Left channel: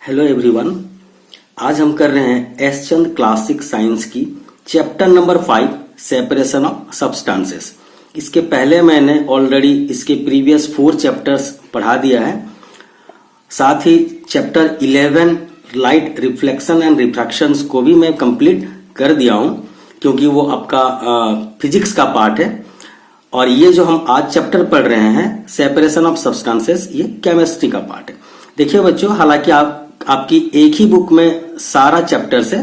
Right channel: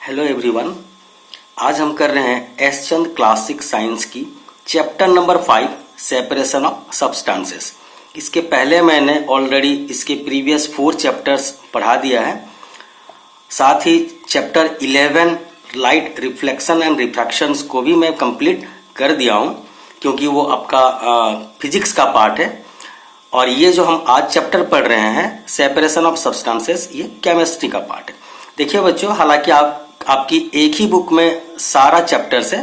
Hello everyone. आज हम कर रहे हैं एस चंद क्लासिक साइंस की chapter number 5 separation of substances. इसके पहले मैंने ऑलरेडी इसके प्रीवियस 4 चैप्टर्स पढ़ा दिया है। साथ ही चैप्टर 11 लाइट रिफ्लेक्शन एंड रिफ्रैक्शंस को भी मैं कंप्लीट कर दिया हूं, क्योंकि वो आपका फिजिक्स का पार्ट है। और ये जो हम आज चैप्टर पढ़ रहे हैं सेपरेशन ऑफ सब्सटेंसेस, ये केमिस्ट्री का पार्ट है। देखिए बच्चों, हालांकि आपकी एक ही बुक में सारा चैप्टर्स है,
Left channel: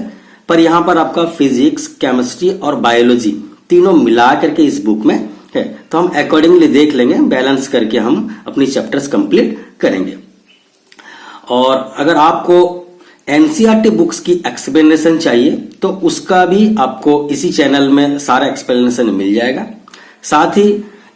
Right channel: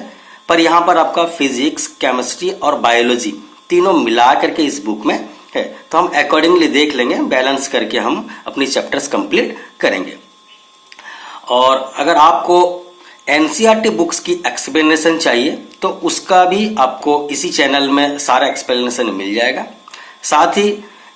पर यहाँ पर आपका फिजिक्स, केमिस्ट्री और बायोलॉजी तीनों मिला करके इस बुक में है। तो हम अकॉर्डिंगली देख लेंगे, बैलेंस करके हम अपनी चैप्टर्स कंप्लीट करेंगे। और अगर आपको एनसीईआरटी बुक्स की एक्सप्लेनेशन चाहिए तो उसका भी आपको इसी चैनल में सारा एक्सप्लेनेशन मिल जाएगा। साथ ही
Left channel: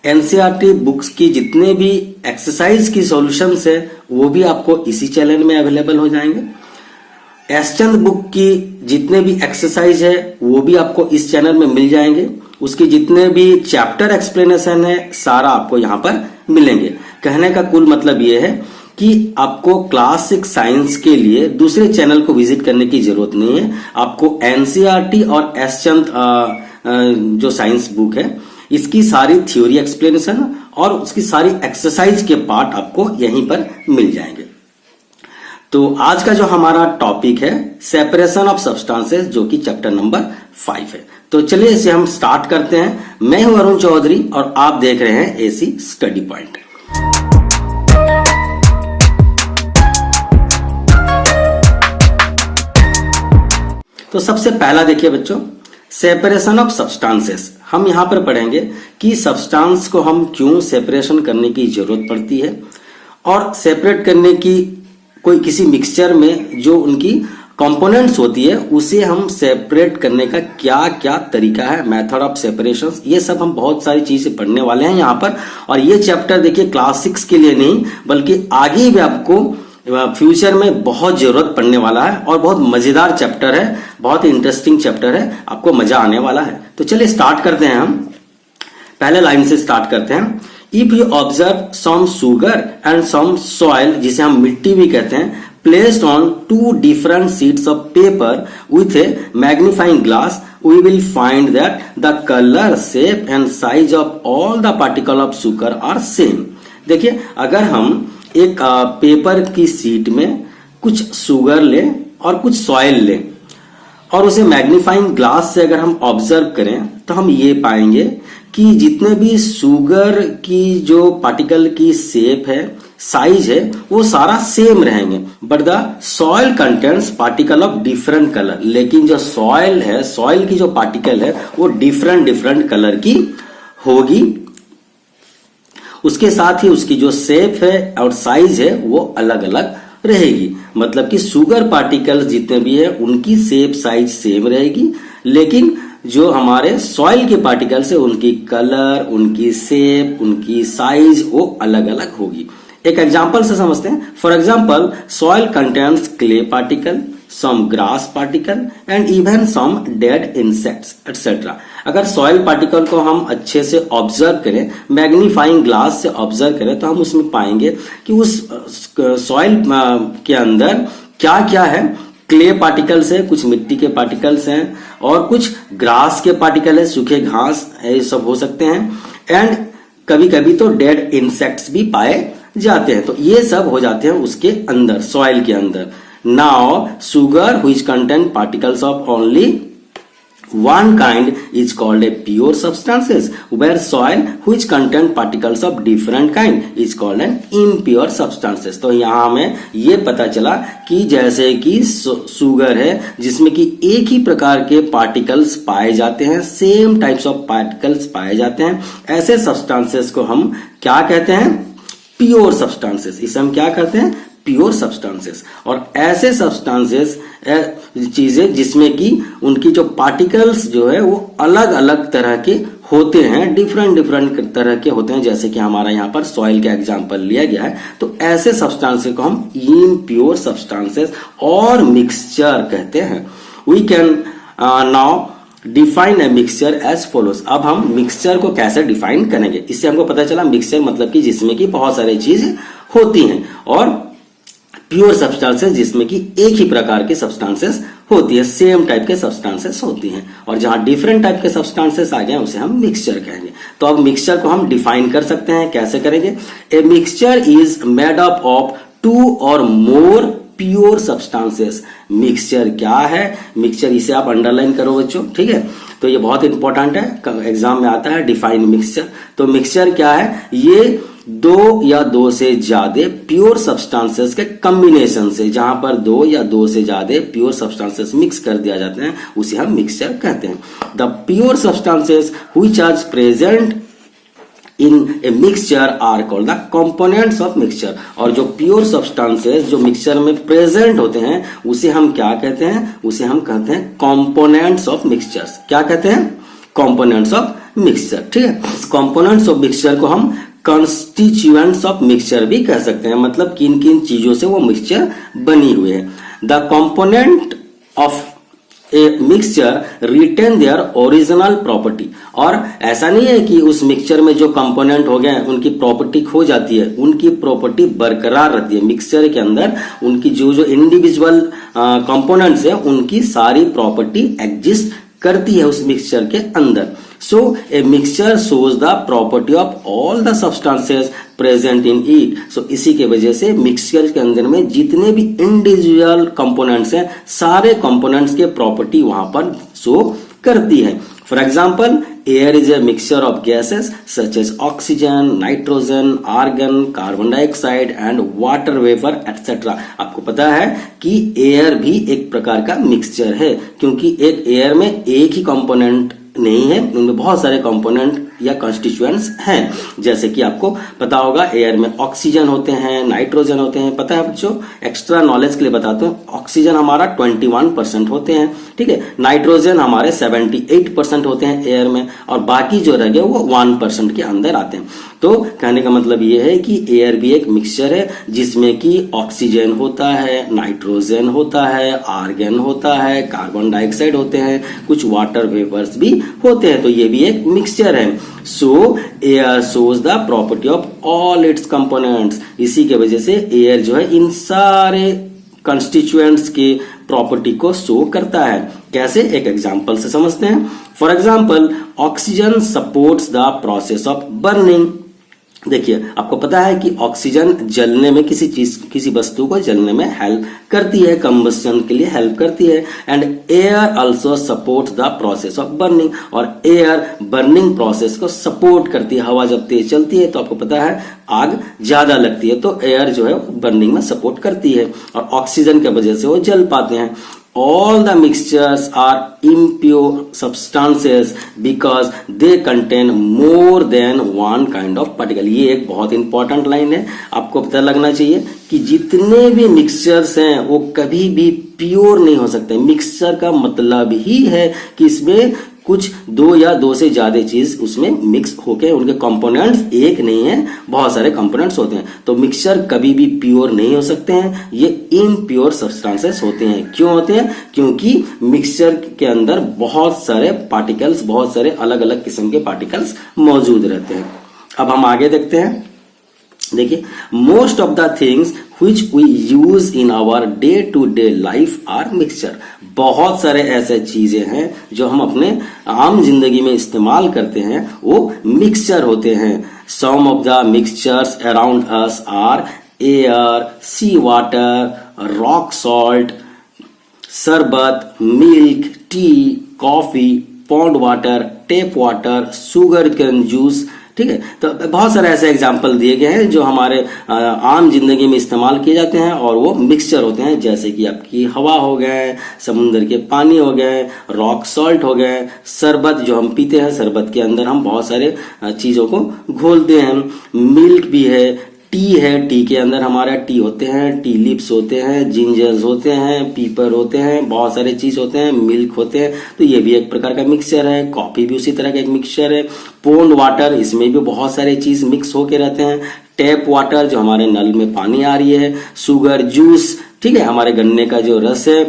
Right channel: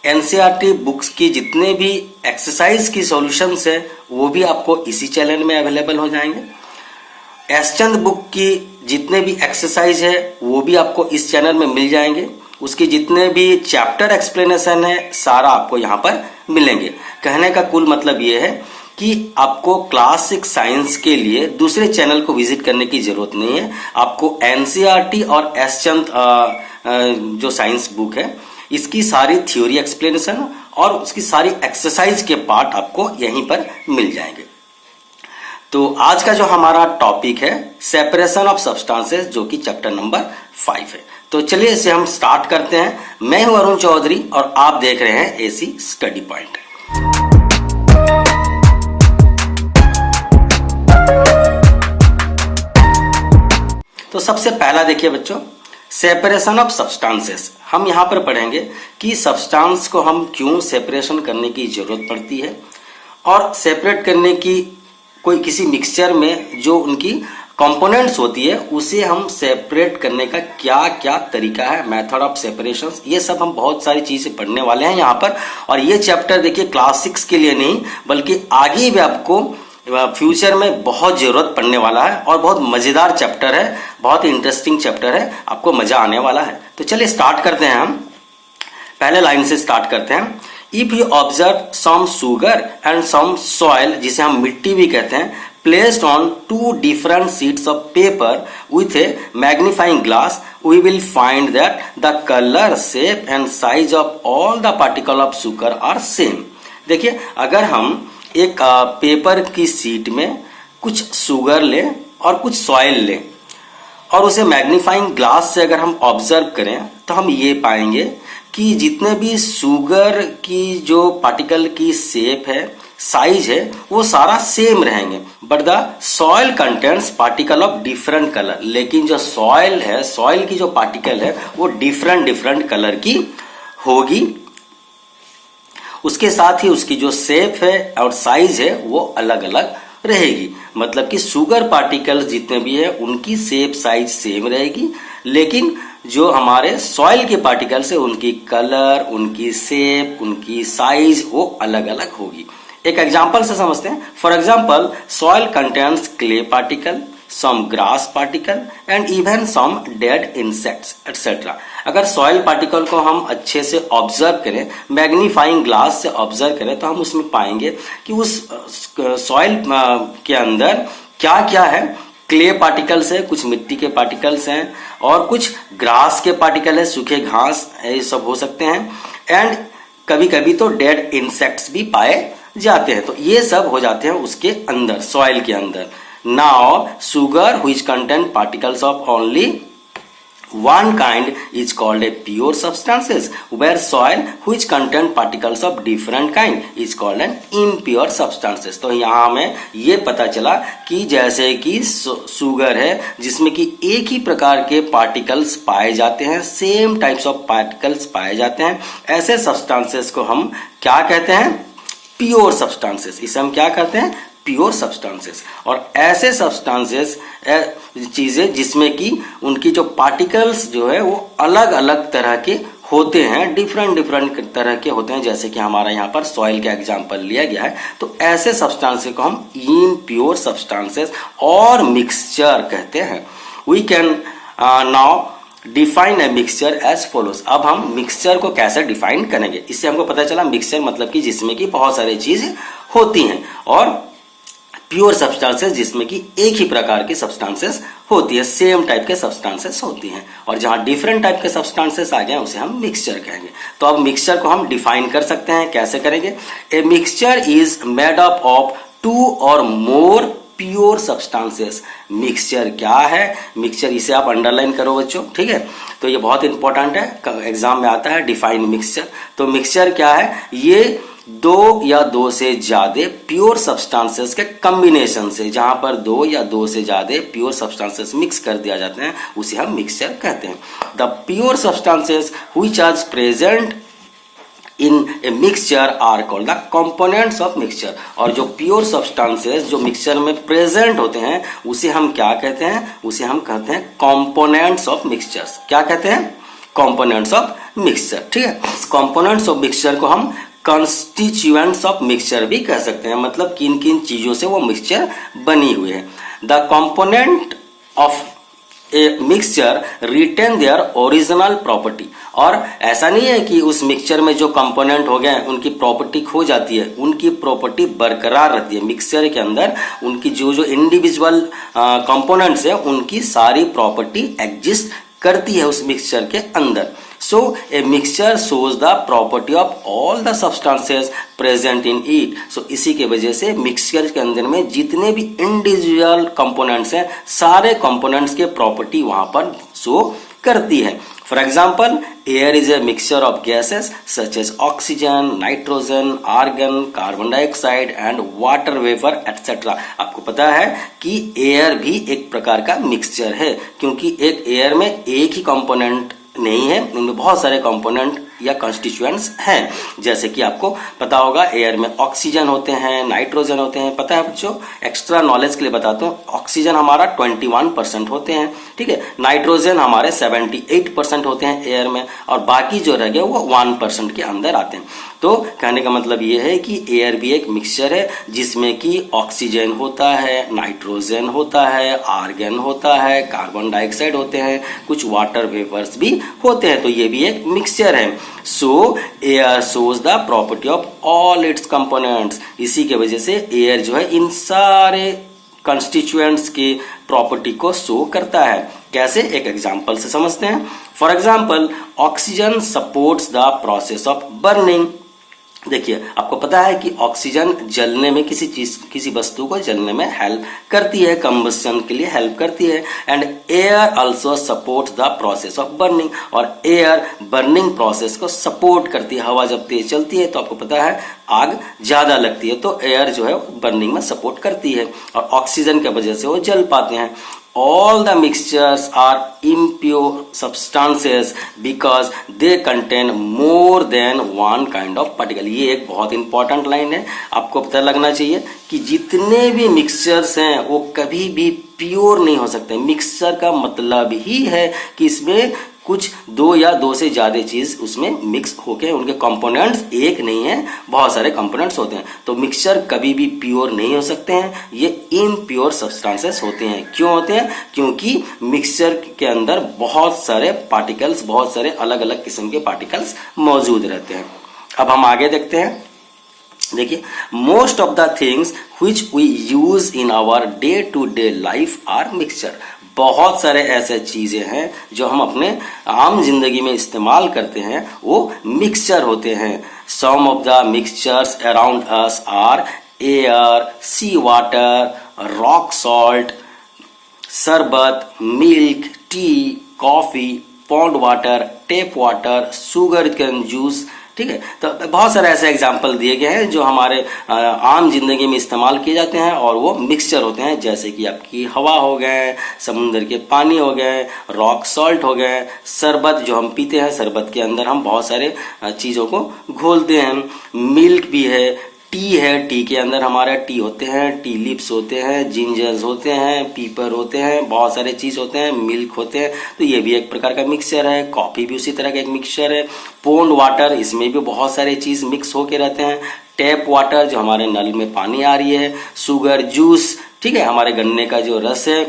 एनसीईआरटी बुक्स की जितने भी एक्सरसाइज की सॉल्यूशंस है वो भी आपको इसी चैनल में अवेलेबल हो जाएंगे। एस चंद बुक की जितने भी एक्सरसाइज है वो भी आपको इस चैनल में मिल जाएंगे। उसके जितने भी चैप्टर एक्सप्लेनेशन है सारा आपको यहाँ पर मिलेंगे। कहने का कुल मतलब ये है कि आपको क्लास 6 साइंस के लिए दूसरे चैनल को विजिट करने की जरूरत नहीं है। आपको एनसीईआरटी और एस चंद जो साइंस बुक है इसकी सारी थ्योरी एक्सप्लेनेशन और उसकी सारी एक्सरसाइज के पार्ट आपको यहीं पर मिल जाएंगे। तो आज का जो हमारा टॉपिक है सेपरेशन ऑफ सब्सटेंसेस, जो कि चैप्टर नंबर 5 है। तो चलिए इसे हम स्टार्ट करते हैं। मैं हूं अरुण चौधरी और आप देख रहे हैं एसी स्टडी पॉइंट। तो सबसे पहला देखिए बच्चों, सेपरेशन ऑफ सब्सटेंसेस। हम यहां पर पढ़ेंगे कि सब्सटेंस को हम क्यों सेपरेशन करने की जरूरत पड़ती है, और सेपरेट करने की कोई किसी मिक्सचर में जो उनकी कंपोनेंट्स होती है उसे हम सेपरेट करने का क्या क्या तरीका है, मेथड ऑफ सेपरेशन, ये सब हम बहुत सारी चीजें पढ़ने वाले हैं यहाँ पर। और ये चैप्टर देखिए क्लास 6 के लिए नहीं बल्कि आगे भी आपको फ्यूचर में बहुत जरूरत पड़ने वाला है, और बहुत मजेदार चैप्टर है, बहुत इंटरेस्टिंग चैप्टर है, आपको मजा आने वाला है। तो चलिए स्टार्ट करते हैं। हम पहले लाइन से स्टार्ट करते हैं। If you observe some sugar and some soil, जिसे हम मिट्टी भी कहते हैं, placed on 2 different sheets of paper with a magnifying glass, we will find that the color, shape and size of all the particle of sugar are same। देखिए, अगर हम एक पेपर की शीट में कुछ शुगर लें और कुछ सॉइल लें और उसे मैग्नीफाइंग ग्लास से अगर हम ऑब्जर्व करें तो हम ये पाएंगे कि जितने भी शुगर की जो पार्टिकल की शेप है, साइज है, वो सारा सेम रहेंगे। But the soil contents particle of different colour. लेकिन जो सॉइल है, सॉइल की जो पार्टिकल है वो डिफरेंट कलर की होगी। उसके साथ ही उसकी जो शेप है और साइज है वो अलग अलग रहेगी। मतलब कि शुगर पार्टिकल्स जितने भी है उनकी शेप साइज सेम रहेगी, लेकिन जो हमारे सॉइल के पार्टिकल्स है उनकी कलर, उनकी शेप, उनकी साइज वो अलग अलग होगी। एक एग्जांपल से समझते हैं। For example, soil contains clay particle, some grass particle and even some dead insects etcetera. अगर सॉइल पार्टिकल को हम अच्छे से ऑब्जर्व करें, मैग्नीफाइंग ग्लास से ऑब्जर्व करें, तो हम उसमें पाएंगे कि उस सॉइल के अंदर क्या क्या है। क्ले पार्टिकल्स है, कुछ मिट्टी के पार्टिकल्स हैं, और कुछ ग्रास के पार्टिकल है, सूखे घास ये सब हो सकते हैं, एंड कभी कभी तो डेड इंसेक्ट्स भी पाए जाते हैं। तो ये सब हो जाते हैं उसके अंदर, सॉइल के अंदर। Now sugar which contain particles of only one kind is called a pure substances, where soil which contain particles of different kind is called an impure substances। तो यहाँ हमें ये पता चला कि जैसे कि शुगर है जिसमें कि एक ही प्रकार के पार्टिकल्स पाए जाते हैं, सेम टाइप्स ऑफ पार्टिकल्स पाए जाते हैं, ऐसे सब्सटेंसेस को हम क्या कहते हैं? Pure substances. इसे हम क्या कहते हैं? Pure substances. और ऐसे सब्सटेंसेस चीजें जिसमें कि उनकी जो पार्टिकल्स जो है वो अलग अलग तरह के होते हैं, डिफरेंट तरह के होते हैं, जैसे कि हमारा यहाँ पर सॉइल का एग्जांपल लिया गया है। तो ऐसे सब्सटेंसेस को हम इम्प्योर सब्सटेंसेस और मिक्सचर कहते हैं। We can now define a mixture as follows. अब हम मिक्सचर को कैसे डिफाइन करेंगे? इससे हमको पता चला मिक्सचर मतलब कि जिसमें कि बहुत सारी चीजें होती हैं, और प्योर सब्सटेंसेस जिसमें कि एक ही प्रकार के सब्सटेंसेस होती है, सेम टाइप के सब्सटेंसेस होती हैं। और जहां डिफरेंट टाइप के सब्सटेंसेस आ गए उसे हम मिक्सचर कहेंगे। तो अब मिक्सचर को हम डिफाइन कर सकते हैं, कैसे करेंगे? ए mixture is made up of 2 और मोर प्योर सब्सटेंसेस। मिक्सचर क्या है? मिक्सचर, इसे आप अंडरलाइन करो बच्चों, ठीक है? तो ये बहुत इंपॉर्टेंट है, एग्जाम में आता है डिफाइन मिक्सचर। तो मिक्सचर क्या है? ये 2 या 2 से ज्यादा प्योर सब्सटेंसेस के कॉम्बिनेशन से, जहां पर 2 या 2 से ज्यादा प्योर सब्सटेंसेस मिक्स कर दिया जाते हैं उसे हम मिक्सचर कहते हैं। The pure substances which are present in a mixture are called the components of mixture. और जो प्योर सब्सटेंसेस जो मिक्सचर में प्रेजेंट होते हैं उसे हम क्या कहते हैं? उसे हम कहते हैं कंपोनेंट्स ऑफ मिक्सचर। क्या कहते हैं? कंपोनेंट्स ऑफ मिक्सचर, ठीक है? इस कंपोनेंट्स ऑफ मिक्सचर को हम कंस्टिट्यूएंट्स ऑफ मिक्सचर भी कह सकते हैं, मतलब किन किन चीजों से वो मिक्सचर बनी हुई है। The component of a mixture retain their original property. और ऐसा नहीं है कि उस मिक्सचर में जो कंपोनेंट हो गए उनकी प्रॉपर्टी खो जाती है, उनकी प्रॉपर्टी बरकरार रहती है। मिक्सचर के अंदर उनकी जो जो इंडिविजुअल कंपोनेंट्स है उनकी सारी प्रॉपर्टी एग्जिस्ट करती है उस मिक्सचर के अंदर। So a mixture shows the property of all the substances present in it. So इसी के वजह से मिक्सचर के अंदर में जितने भी इंडिविजुअल कंपोनेंट्स हैं सारे कंपोनेंट्स के प्रॉपर्टी वहां पर शो करती है। For example, air is a mixture of gases such as oxygen, nitrogen, argon, carbon dioxide and water vapour etcetera. आपको पता है कि एयर भी एक प्रकार का मिक्सचर है, क्योंकि एक एयर में एक ही कंपोनेंट नहीं है, उनमें बहुत सारे कंपोनेंट या कॉन्स्टिट्यूएंट्स हैं। जैसे कि आपको पता होगा एयर में ऑक्सीजन होते हैं, नाइट्रोजन होते हैं। पता है बच्चों, एक्स्ट्रा नॉलेज के लिए बताता हूँ, ऑक्सीजन हमारा 21% होते हैं, ठीक है? नाइट्रोजन हमारे 78% होते हैं एयर में, और बाकी जो रह गए वो 1% के अंदर आते हैं। तो कहने का मतलब ये है कि एयर भी एक मिक्सचर है जिसमें कि ऑक्सीजन होता है, नाइट्रोजन होता है, आर्गन होता है, कार्बन डाइऑक्साइड होते हैं, कुछ वाटर वेपर्स भी होते हैं। तो ये भी एक मिक्सचर है। सो air shows the property of all it's components. इसी के वजह से एयर जो है इन सारे कंस्टिट्यूएंट्स के प्रॉपर्टी को शो करता है। कैसे? एक एग्जांपल से समझते हैं। For example, oxygen supports the process of burning. देखिए, आपको पता है कि ऑक्सीजन जलने में किसी वस्तु को जलने में हेल्प करती है, कंबशन के लिए हेल्प करती है। And air also supports the process of burning. और एयर बर्निंग प्रोसेस को सपोर्ट करती है। हवा जब तेज चलती है तो आपको पता है आग ज्यादा लगती है, तो एयर जो है बर्निंग में सपोर्ट करती है, और ऑक्सीजन की वजह से वो जल पाते हैं। All the mixtures are impure substances because they contain more than one kind of particle। ये एक बहुत इंपॉर्टेंट लाइन है, आपको पता लगना चाहिए कि जितने भी मिक्सचर्स हैं वो कभी भी प्योर नहीं हो सकते। मिक्सचर का मतलब ही है कि इसमें कुछ 2 या 2 से ज्यादा चीज उसमें मिक्स होके उनके कंपोनेंट्स एक नहीं है, बहुत सारे कंपोनेंट्स होते हैं। तो मिक्सचर कभी भी प्योर नहीं हो सकते हैं, ये इम्प्योर सब्सटेंसेस होते हैं। क्यों होते हैं? क्योंकि मिक्सचर के अंदर बहुत सारे पार्टिकल्स, बहुत सारे अलग अलग किस्म के पार्टिकल्स मौजूद रहते हैं। अब हम आगे देखते हैं। देखिए, most of the things which we use in our day to day life are mixture. बहुत सारे ऐसे चीजें हैं जो हम अपने आम जिंदगी में इस्तेमाल करते हैं, वो मिक्सचर होते हैं। Some of the mixtures around us are air, sea water, rock salt, शरबत, milk, tea, coffee, pond water, tap water, sugar cane juice, ठीक है? तो बहुत सारे ऐसे एग्जाम्पल दिए गए हैं जो हमारे आम जिंदगी में इस्तेमाल किए जाते हैं और वो मिक्सचर होते हैं। जैसे कि आपकी हवा हो गए, समुद्र के पानी हो गए, रॉक सॉल्ट हो गए, शरबत जो हम पीते हैं, शरबत के अंदर हम बहुत सारे चीजों को घोलते हैं। मिल्क भी है, टी है, टी के अंदर हमारा टी होते हैं, टी लिप्स होते हैं, जिंजर्स होते हैं, पीपर होते हैं, बहुत सारे चीज होते हैं, मिल्क होते हैं। तो ये भी एक प्रकार का मिक्सचर है। कॉफी भी उसी तरह का एक मिक्सचर है। पोन्ड वाटर, इसमें भी बहुत सारे चीज मिक्स होके रहते हैं। टैप वाटर जो हमारे नल में पानी आ रही है। शुगर जूस, ठीक है, हमारे गन्ने का जो रस है।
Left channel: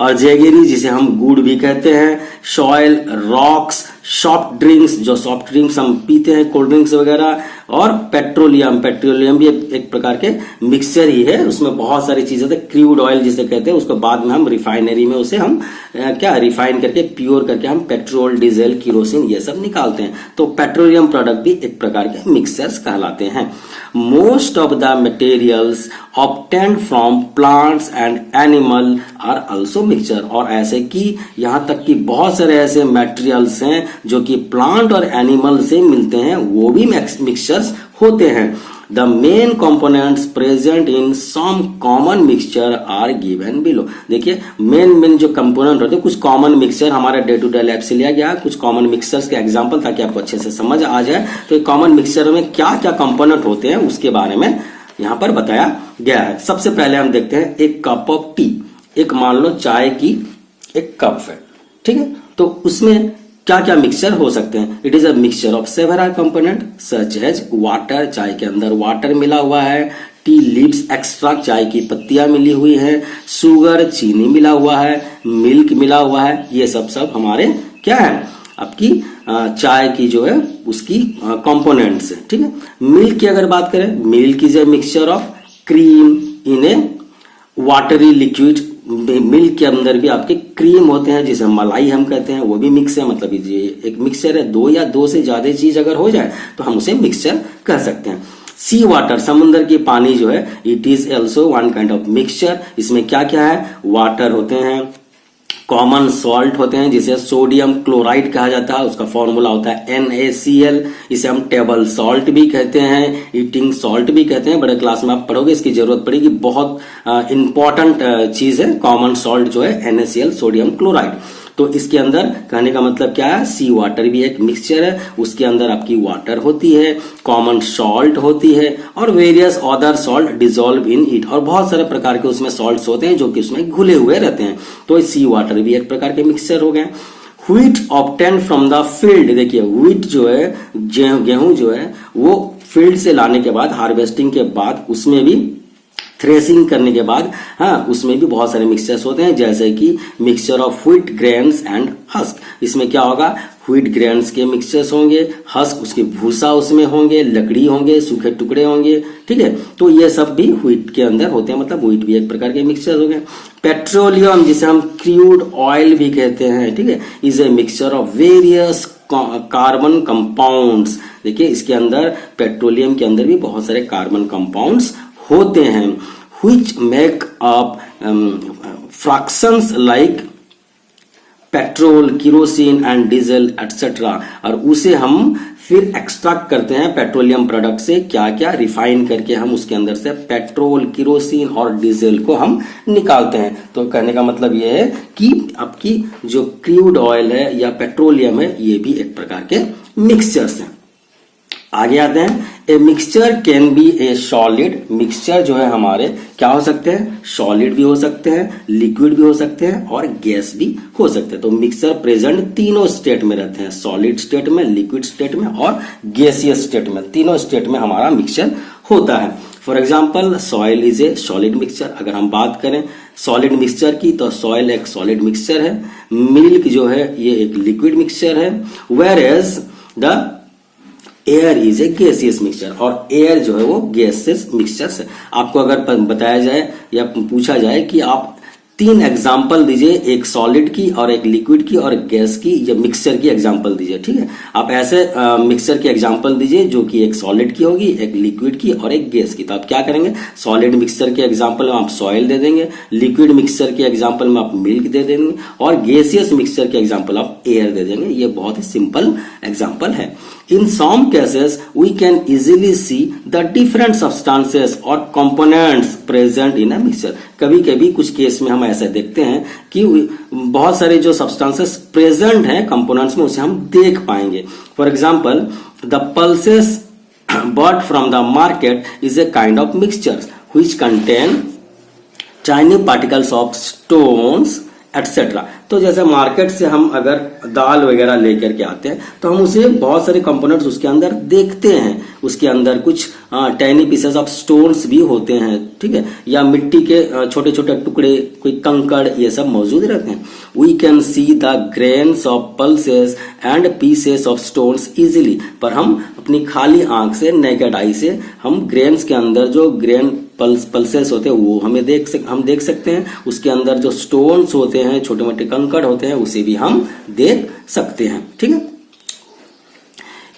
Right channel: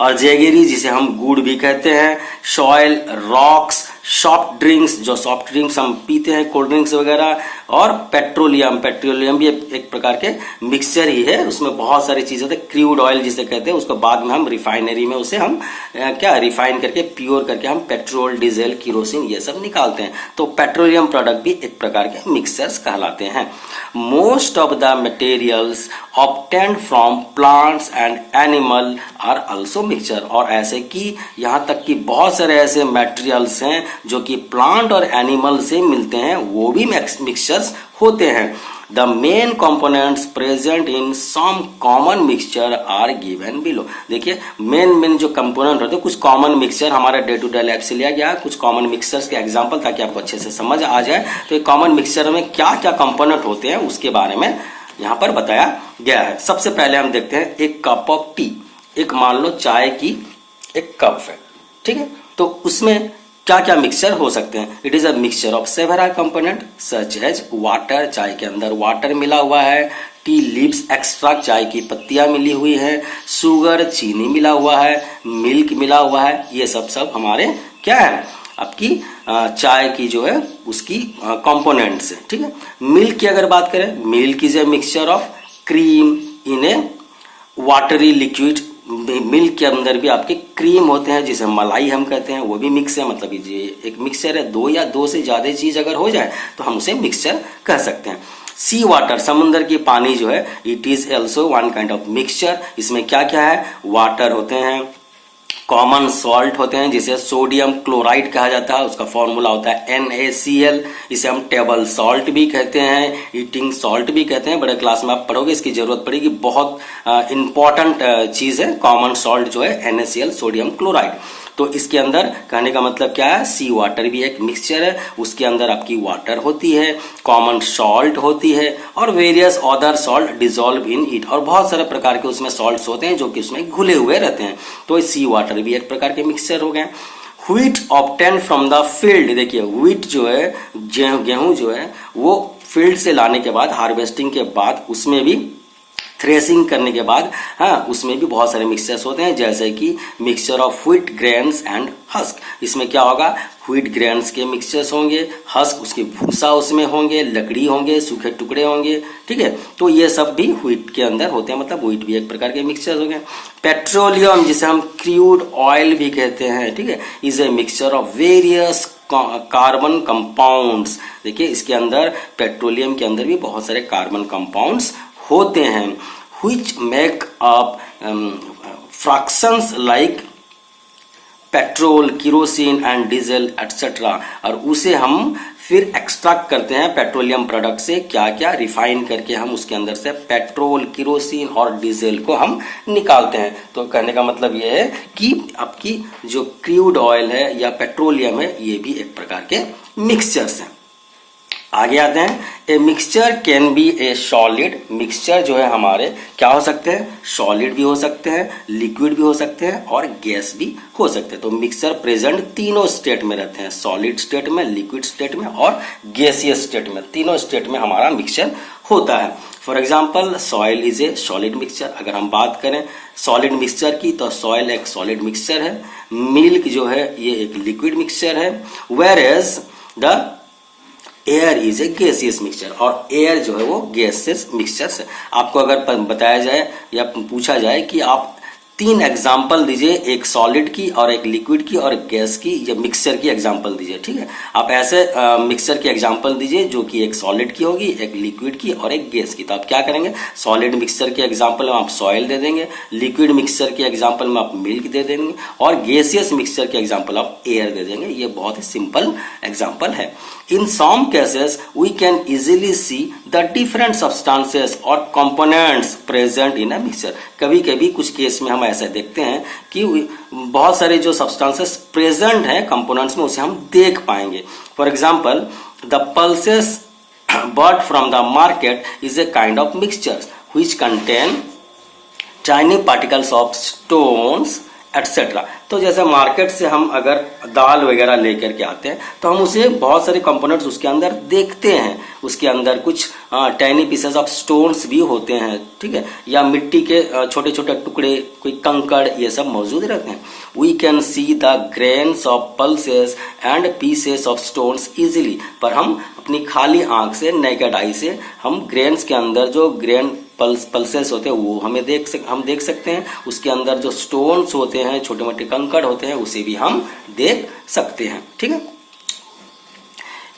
और जैगेरी जिसे हम गुड़ भी कहते हैं। सॉइल, रॉक्स, सॉफ्ट ड्रिंक्स, जो सॉफ्ट ड्रिंक्स हम पीते हैं, कोल्ड ड्रिंक्स वगैरह, और पेट्रोलियम भी एक प्रकार के मिक्सचर ही है। उसमें बहुत सारी चीजें होती है। क्रूड ऑयल जिसे कहते हैं, उसको बाद में हम रिफाइनरी में उसे हम क्या रिफाइन करके प्योर करके हम पेट्रोल, डीजल, किरोसिन ये सब निकालते हैं। तो पेट्रोलियम प्रोडक्ट भी एक प्रकार के मिक्सचर्स कहलाते हैं। Most of the materials obtained from plants and animal are also mixture। और ऐसे कि यहाँ तक कि बहुत सारे ऐसे मटेरियल्स हैं जो कि प्लांट और एनिमल से मिलते हैं, वो भी मिक्सचर्स होते हैं। The main components present in some common mixture are given below। देखिए मेन जो कंपोनेंट होते हैं, कुछ कॉमन मिक्सचर हमारे डे टू डे लाइफ से लिया गया, कुछ कॉमन मिक्सचर्स के एग्जांपल ताकि आपको अच्छे से समझ आ जाए। तो कॉमन मिक्सचर में क्या क्या कंपोनेंट होते हैं उसके बारे में यहाँ पर बताया गया है। सबसे पहले हम देखते हैं एक कप ऑफ टी। एक मान लो चाय की एक कप है, ठीक है, तो उसमें क्या क्या मिक्सचर हो सकते हैं। It is a mixture of several component such as water, चाय के अंदर वाटर मिला हुआ है, टी लीव्स एक्सट्रैक्ट, चाय की पत्तियां मिली हुई है, शुगर, चीनी मिला हुआ है, मिल्क मिला हुआ है। ये सब हमारे क्या है, आपकी चाय की जो है उसकी कंपोनेंट्स है, ठीक है। मिल्क की अगर बात करें, milk is a mixture of cream in A watery liquid. Milk के अंदर भी आपके क्रीम होते हैं जिसे मलाई हम कहते हैं, वो भी मिक्स है। मतलब ये एक मिक्सचर है, दो या दो से ज्यादा चीज अगर हो जाए तो हम उसे मिक्सचर कह सकते हैं। सी वाटर, समुद्र की पानी जो है, it is also one kind of mixture. इसमें क्या क्या है, वाटर होते हैं, कॉमन सॉल्ट होते हैं जिसे सोडियम क्लोराइड कहा जाता है, उसका फॉर्मूला होता है NaCl। इसे हम टेबल सॉल्ट भी कहते हैं, ईटिंग सॉल्ट भी कहते हैं। बड़े क्लास में आप पढ़ोगे, इसकी जरूरत पड़ेगी, बहुत इंपॉर्टेंट चीज है कॉमन सॉल्ट जो है NaCl, सोडियम क्लोराइड। तो इसके अंदर कहने का मतलब क्या है, सी वाटर भी एक मिक्सचर है, उसके अंदर आपकी वाटर होती है, कॉमन सॉल्ट होती है, और various other salt dissolve in it. और बहुत सारे प्रकार के उसमें सॉल्ट्स होते हैं जो कि उसमें घुले हुए रहते हैं। तो सी वाटर भी एक प्रकार के मिक्सचर हो गए। Wheat obtain from the field, देखिए व्हीट जो है, गेहूं जो है, वो फील्ड से लाने के बाद, हार्वेस्टिंग के बाद, उसमें भी थ्रेसिंग करने के बाद, हाँ, उसमें भी बहुत सारे मिक्सचर्स होते हैं, जैसे कि mixture of wheat grains and husk. इसमें क्या होगा, व्हीट ग्रेन्स के मिक्सचर्स होंगे, हस्क उसके भूसा उसमें होंगे, लकड़ी होंगे, सूखे टुकड़े होंगे, ठीक है। तो ये सब भी व्हीट के अंदर होते हैं, मतलब व्हीट भी एक प्रकार के मिक्सचर हो गए। पेट्रोलियम, जिसे हम क्रूड ऑयल भी कहते हैं, ठीक है, is a mixture of various carbon compounds. देखिए इसके अंदर, पेट्रोलियम के अंदर भी बहुत सारे कार्बन कंपाउंड्स होते हैं, which make up fractions like petrol, kerosene and diesel etcetera. और उसे हम फिर एक्सट्रैक्ट करते हैं पेट्रोलियम प्रोडक्ट से, क्या क्या रिफाइन करके हम उसके अंदर से पेट्रोल, किरोसिन और डीजल को हम निकालते हैं। तो कहने का मतलब यह है कि आपकी जो क्रूड ऑयल है या पेट्रोलियम है, ये भी एक प्रकार के मिक्सचर्स हैं। आगे आते हैं, a mixture can be A solid. Mixture जो है हमारे क्या हो सकते हैं, सॉलिड भी हो सकते हैं, लिक्विड भी हो सकते हैं, और गैस भी हो सकते हैं। तो मिक्सचर प्रेजेंट तीनों स्टेट में रहते हैं, सॉलिड स्टेट में, लिक्विड स्टेट में और गैसियस स्टेट में। तीनों स्टेट में हमारा मिक्सचर होता है। For example, soil is a solid mixture. अगर हम बात करें सॉलिड मिक्सचर की, तो सॉइल एक सॉलिड मिक्सचर है, मिल्क जो है ये एक लिक्विड मिक्सचर है, whereas the air is a gaseous mixture. और एयर जो है वो गैसियस मिक्सचर है। आपको अगर बताया जाए या पूछा जाए कि आप 3 एग्जाम्पल दीजिए, एक सॉलिड की और एक लिक्विड की और गैस की, या मिक्सचर की एग्जाम्पल दीजिए, ठीक है। आप ऐसे मिक्सचर की एग्जाम्पल दीजिए जो कि एक सॉलिड की होगी, एक लिक्विड की और एक गैस की। तो आप क्या करेंगे, सॉलिड मिक्सचर के एग्जाम्पल में आप सॉइल दे देंगे, लिक्विड मिक्सचर के एग्जाम्पल में आप मिल्क दे देंगे, और गैसियस मिक्सचर के एग्जाम्पल आप एयर दे देंगे। ये बहुत ही सिंपल एग्जाम्पल है। In some cases, we can easily see the different substances or components present in a mixture। कभी कभी कुछ केस में हम ऐसे देखते हैं कि बहुत सारे जो सब्सटेंसेस प्रेजेंट हैं कंपोनेंट्स में, उसे हम देख पाएंगे। For example, the pulses bought from the market is a kind of mixture which contain tiny particles of stones etcetera. तो जैसे मार्केट से हम अगर दाल वगैरह लेकर के आते हैं, तो हम उसे बहुत सारे कंपोनेंट्स उसके अंदर देखते हैं, उसके अंदर कुछ टाइनी पीसेस ऑफ स्टोन्स भी होते हैं, ठीक है, या मिट्टी के छोटे छोटे टुकड़े, कोई कंकड़, ये सब मौजूद रहते हैं। We can see the grains of pulses and pieces of stones easily, पर हम अपनी खाली आंख से, नेकेड आई से हम ग्रेन्स के अंदर जो ग्रेन पल्सेस होते हैं वो हम देख सकते हैं। उसके अंदर जो स्टोन्स होते हैं, छोटे मोटे कंकड़ होते हैं, उसे भी हम देख सकते हैं, ठीक है।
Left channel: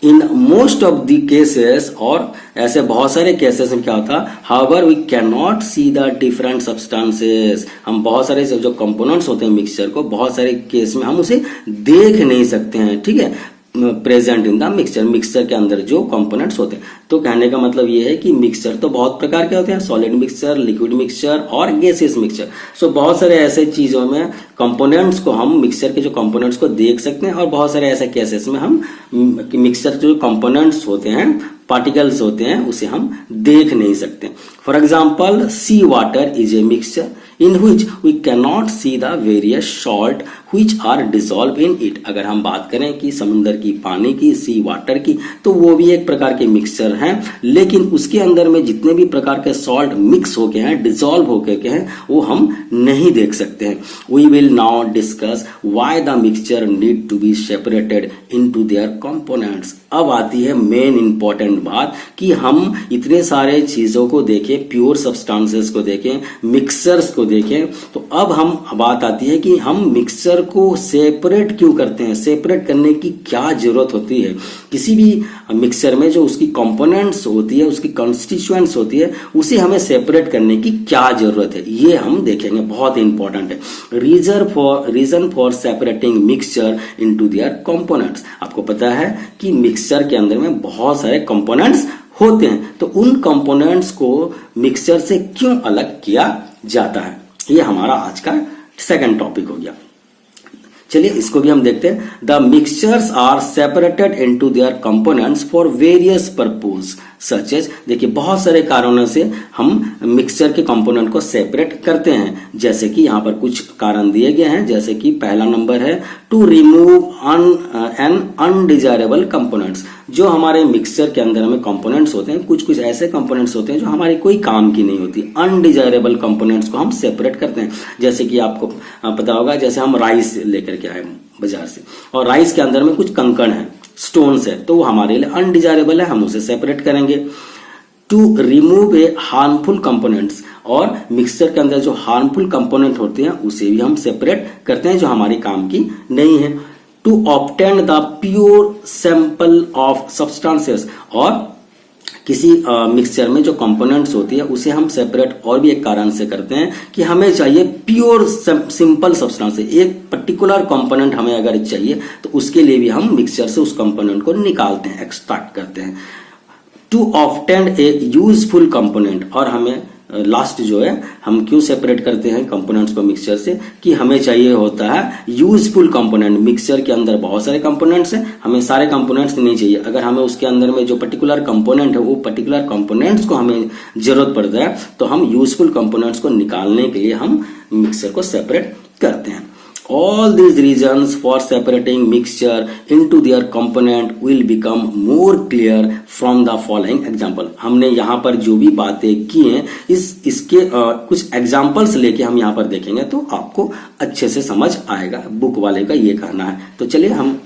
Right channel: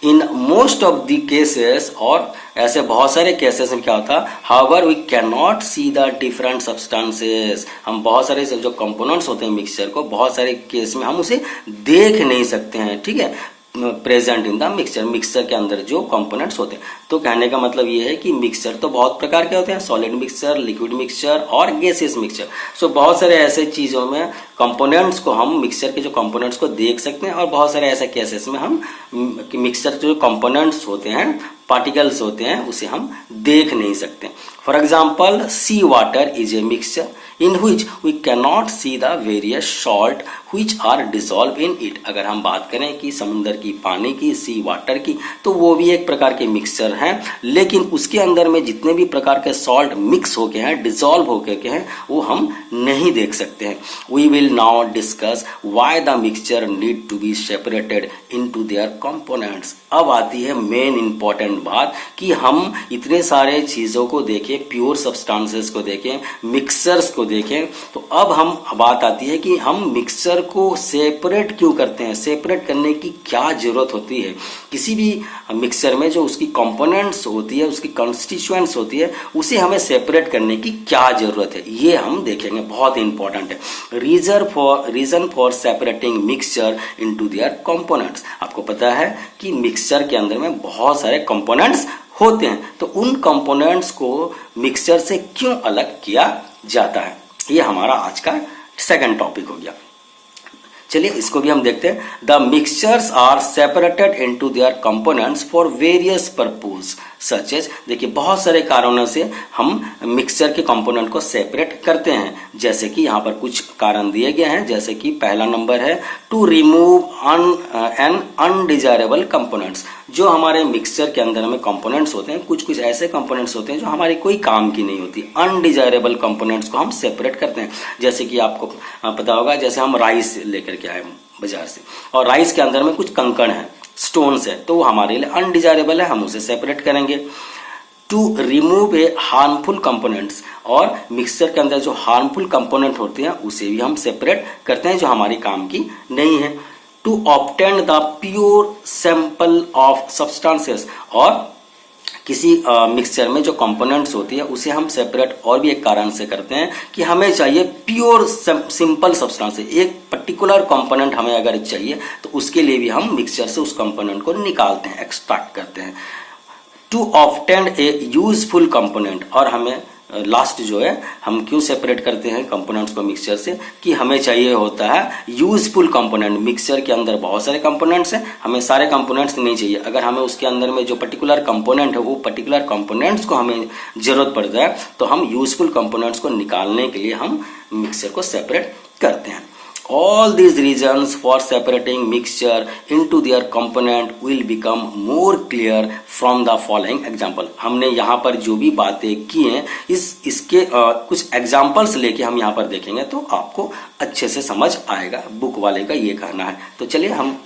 In most of the cases, और ऐसे बहुत सारे केसेस में क्या होता है, however we can not see the different substances, हम बहुत सारे जो कंपोनेंट्स होते हैं मिक्सचर को, बहुत सारे केस में हम उसे देख नहीं सकते हैं, ठीक है, present in the mixture, mixture के अंदर जो कंपोनेंट्स होते हैं। तो कहने का मतलब ये है कि मिक्सचर तो बहुत प्रकार के होते हैं, सॉलिड मिक्सचर, लिक्विड मिक्सचर और गैसियस मिक्सचर। सो बहुत सारे ऐसे चीजों में कंपोनेंट्स को हम, मिक्सचर के जो कंपोनेंट्स को देख सकते हैं, और बहुत सारे ऐसे केसेस में हम मिक्सचर जो कंपोनेंट्स होते हैं, पार्टिकल्स होते हैं, उसे हम देख नहीं सकते। For example, see water is a mixture in which we cannot see the various salt which are dissolved in it। अगर हम बात करें कि समुद्र की पानी की, सी वाटर की, तो वो भी एक प्रकार के मिक्सचर हैं, लेकिन उसके अंदर में जितने भी प्रकार के सॉल्ट मिक्स होके हैं, डिसॉल्व होके के हैं, वो हम नहीं देख सकते हैं। We will now discuss why the mixture need to be separated into their components. अब आती है मेन इंपॉर्टेंट बात कि हम इतने सारे चीजों को देखें, प्योर सब्सटेंसेस को देखें, मिक्सचर्स को देखें, तो अब हम बात आती है कि हम मिक्सचर को सेपरेट क्यों करते हैं, सेपरेट करने की क्या जरूरत होती है। किसी भी मिक्सचर में जो उसकी कंपोनेंट्स होती है, उसकी कॉन्स्टिट्यूएंट्स होती है, उसे हमें सेपरेट करने की क्या जरूरत है, ये हम देखेंगे, बहुत इंपॉर्टेंट है। Reason for separating mixture into their components. आपको पता है कि मिक्सचर के अंदर में बहुत सारे कंपोनेंट्स होते हैं, तो उन कंपोनेंट्स को मिक्सचर से क्यों अलग किया जाता है, ये हमारा आज का सेकंड टॉपिक हो गया। चलिए इसको भी हम देखते हैं। The mixtures are separated into their components for various purpose such as, देखिए बहुत सारे कारणों से हम मिक्सचर के कंपोनेंट को सेपरेट करते हैं, जैसे कि यहाँ पर कुछ कारण दिए गए हैं। जैसे कि पहला नंबर है to remove an undesirable components. जो हमारे मिक्सचर के अंदर में कंपोनेंट्स होते हैं, कुछ कुछ ऐसे कंपोनेंट्स होते हैं जो हमारे कोई काम की नहीं होती, अनडिजायरेबल कंपोनेंट्स को हम सेपरेट करते हैं। जैसे कि आपको पता होगा, जैसे हम राइस लेकर के आए बाजार से, और राइस के अंदर में कुछ कंकड़ है, स्टोन्स है, तो वो हमारे लिए अनडिजायरेबल है, हम उसे सेपरेट करेंगे। To remove a harmful components, और मिक्सचर के अंदर जो हार्मफुल कंपोनेंट होते हैं उसे भी हम सेपरेट करते हैं, जो हमारे काम की नहीं है। To obtain the pure sample of substances, और किसी मिक्सचर में जो कंपोनेंट्स होती है उसे हम सेपरेट और भी एक कारण से करते हैं कि हमें चाहिए प्योर सिंपल सब्सटेंस, एक पर्टिकुलर कंपोनेंट हमें अगर चाहिए तो उसके लिए भी हम मिक्सचर से उस कंपोनेंट को निकालते हैं, एक्सट्रैक्ट करते हैं। To obtain a useful component, और हमें लास्ट जो है, हम क्यों सेपरेट करते हैं कंपोनेंट्स को मिक्सचर से, कि हमें चाहिए होता है यूजफुल कंपोनेंट। मिक्सचर के अंदर बहुत सारे कंपोनेंट्स हैं, हमें सारे कंपोनेंट्स नहीं चाहिए। अगर हमें उसके अंदर में जो पर्टिकुलर कंपोनेंट है, वो पर्टिकुलर कंपोनेंट्स को हमें जरूरत पड़ता है, तो हम यूजफुल कंपोनेंट्स को निकालने के लिए हम मिक्सचर को सेपरेट करते हैं। All these reasons for separating mixture into their component will become more clear from the following example। हमने यहाँ पर जो भी बातें की हैं, इसके कुछ एग्जाम्पल्स लेके हम यहाँ पर देखेंगे तो आपको अच्छे से समझ आएगा। बुक वाले का ये कहना है। तो चलिए हम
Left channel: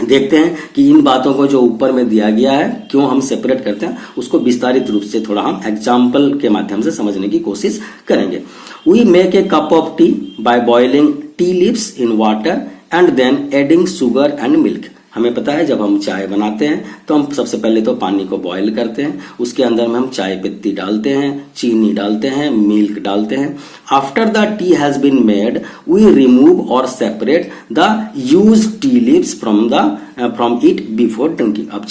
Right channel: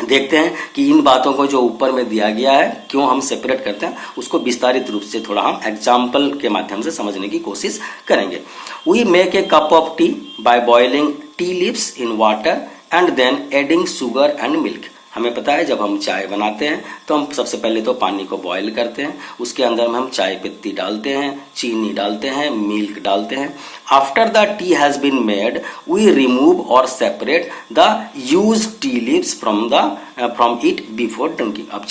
देखते हैं कि इन बातों को जो ऊपर में दिया गया है, क्यों हम सेपरेट करते हैं, उसको विस्तारित रूप से थोड़ा हम एग्जाम्पल के माध्यम से समझने की कोशिश करेंगे। We make a cup of tea by boiling tea leaves in water and then adding sugar and milk। हमें पता है जब हम चाय बनाते हैं तो हम सबसे पहले तो पानी को बॉईल करते हैं, उसके अंदर में हम चाय पत्ती डालते हैं, चीनी डालते हैं, मिल्क डालते हैं। After the tea has been made we remove और separate the used tea leaves from it before drinking. अब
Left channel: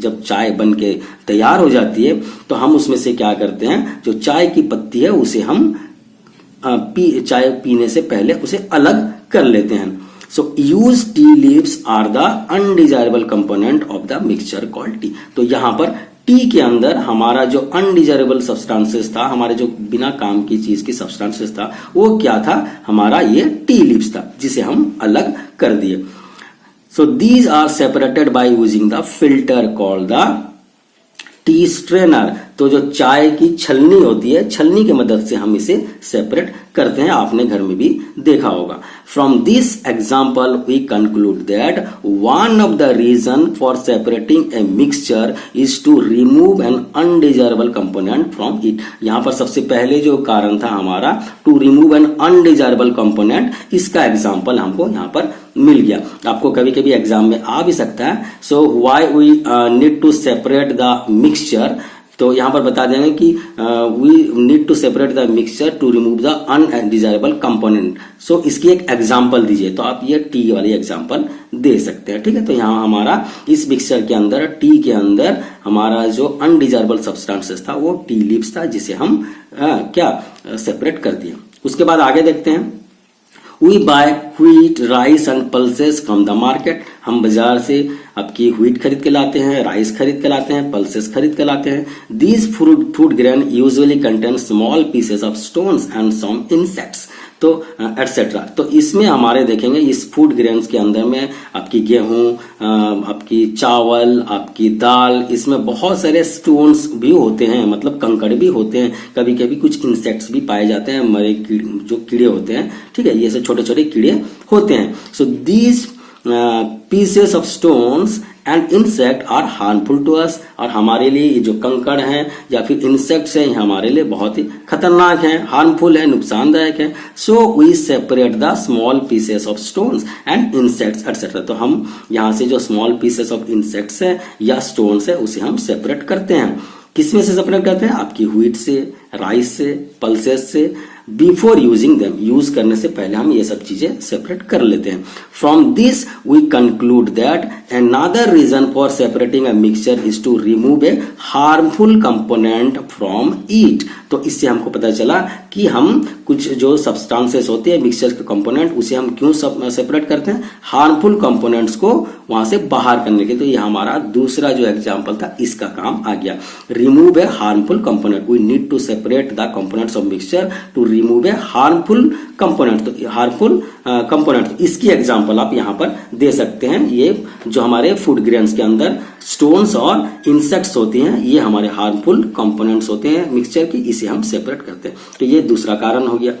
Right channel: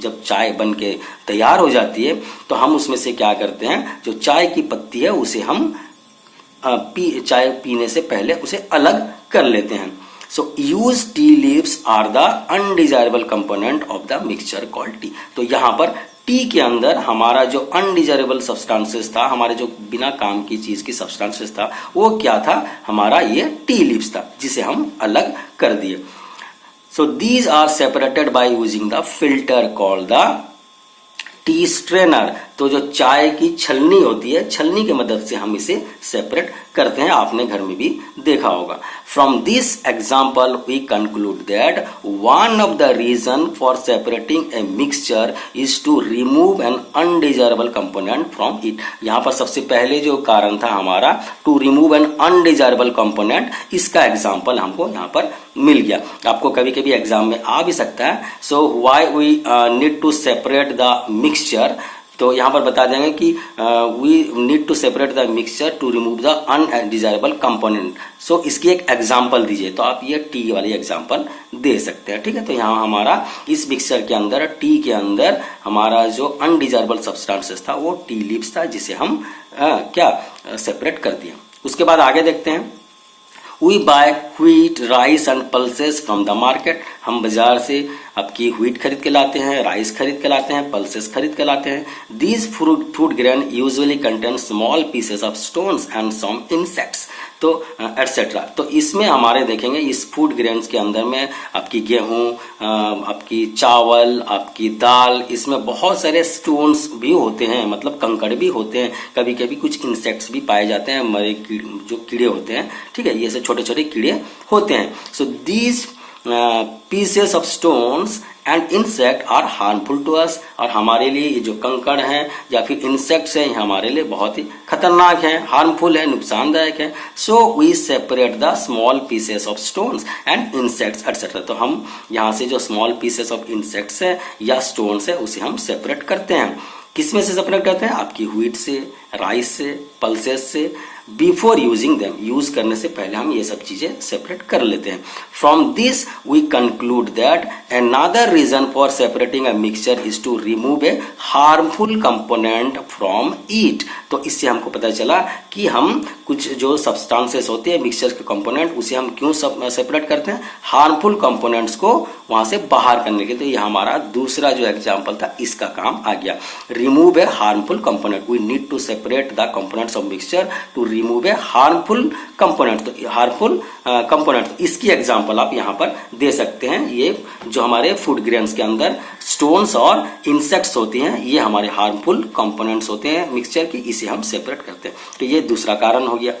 जब चाय बन के तैयार हो जाती है तो हम उसमें से क्या करते हैं, जो चाय की पत्ती है उसे हम चाय पीने से पहले उसे अलग कर लेते हैं। So used tea leaves are the undesirable component of the mixture called tea. तो यहां पर टी के अंदर हमारा जो अनडिजायरेबल सब्सटेंसेस था, हमारे जो बिना काम की चीज की सब्सटेंसेस था, वो क्या था, हमारा ये टी लीव्स था, जिसे हम अलग कर दिए। So these are separated by using the filter called the T strainer. तो जो चाय की छलनी होती है, छलनी की मदद से हम इसे सेपरेट करते हैं, आपने घर में भी देखा होगा। From this example we conclude that one of the reason for separating a mixture is to remove an undesirable component from it. यहां पर सबसे पहले जो कारण था हमारा to remove an undesirable component, इसका एग्जाम्पल हमको यहां पर मिल गया। आपको कभी कभी एग्जाम में आ भी सकता है। So why we need to separate the mixture, तो यहां पर बता देंगे कि we need to separate the mixture to remove the undesirable component. So इसकी एक एग्जांपल दीजिए, तो आप ये टी वाली एग्जांपल दे सकते हैं। ठीक है, तो यहां हमारा इस मिक्सचर के अंदर, टी के अंदर हमारा जो अनडिजायरेबल सब्सटेंसेस था वो टी लीव्स था, जिसे हम सेपरेट कर दिया। उसके बाद आगे देखते हैं। We buy wheat, rice and pulses from the market। हम बाजार से आपकी व्हीट खरीद के लाते हैं, राइस खरीद के लाते हैं, पल्सेस खरीद के लाते हैं। These food grain usually contain small pieces of stones and some insects। तो एटसेट्रा। तो इसमें हमारे देखेंगे इस फूड ग्रेन्स के अंदर में आपकी गेहूं, आपकी चावल, आपकी दाल, इसमें बहुत सारे स्टोन्स भी होते हैं, मतलब कंकड़ भी होते हैं। कभी कभी कुछ इंसेक्ट्स भी पाए जाते हैं, मरे जो कीड़े होते हैं। ठीक है, ये सब छोटे छोटे कीड़े होते हैं। So these pieces of stones and insect are harmful to us. और हमारे लिए ये जो कंकड़ हैं या फिर इंसेक्ट्स हैं, हमारे लिए बहुत ही खतरनाक है, हार्मफुल है, नुकसानदायक है। So we separate the small pieces of stones and insects etcetera. तो हम यहाँ से जो स्मॉल पीसेस ऑफ इंसेक्ट्स है या स्टोन्स है उसे हम सेपरेट करते हैं। किसमें से सेपरेट करते हैं? आपकी व्हीट से, राइस से, पल्सेस से। बिफोर यूजिंग देम, यूज करने से पहले हम ये सब चीजें सेपरेट कर लेते हैं। From this we conclude that another reason for separating a mixture is to remove a harmful component from it. तो इससे हमको पता चला कि हम कुछ जो सब्सटेंसेस होते हैं मिक्सचर के कंपोनेंट, उसे हम क्यों सेपरेट करते हैं? हार्मफुल कंपोनेंट्स को वहां से बाहर करने के लिए। तो ये हमारा दूसरा जो एग्जाम्पल था, इसका काम आ गया। Remove a harmful component, we need to separate the components of mixture to remove a harmful component. तो हार्मफुल कंपोनेंट, इसकी एग्जांपल आप यहां पर दे सकते हैं। ये जो हमारे फूड ग्रेन्स के अंदर स्टोन्स और इंसेक्ट्स होती हैं, ये हमारे हार्मफुल कंपोनेंट्स होते हैं मिक्सचर की, इसे हम सेपरेट करते हैं। तो ये दूसरा कारण हो गया।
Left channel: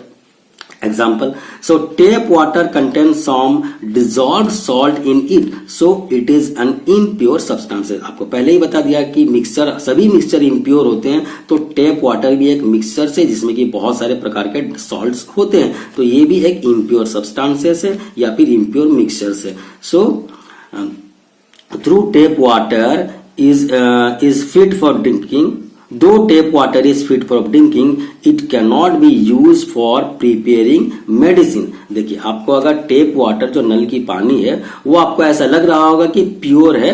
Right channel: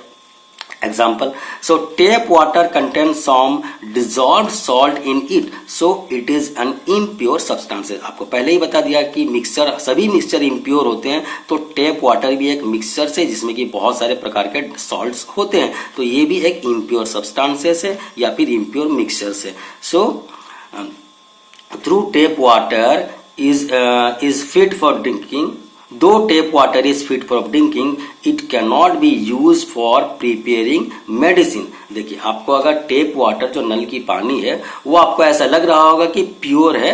Example, so tap water contains some dissolved salt in it, so it is an impure substance। आपको पहले ही बता दिया कि मिक्सचर, सभी मिक्सचर इम्प्योर होते हैं। तो टैप वाटर भी एक मिक्सचर से, जिसमें कि बहुत सारे प्रकार के सॉल्ट्स होते हैं, तो ये भी एक इम्प्योर सब्सटेंसेस है या फिर इम्प्योर मिक्सचर से। So through tap water is fit for drinking। Though tap water is fit for drinking, it cannot be used for preparing medicine। देखिए, आपको अगर टेप वाटर, जो नल की पानी है, वो आपको ऐसा लग रहा होगा कि प्योर है,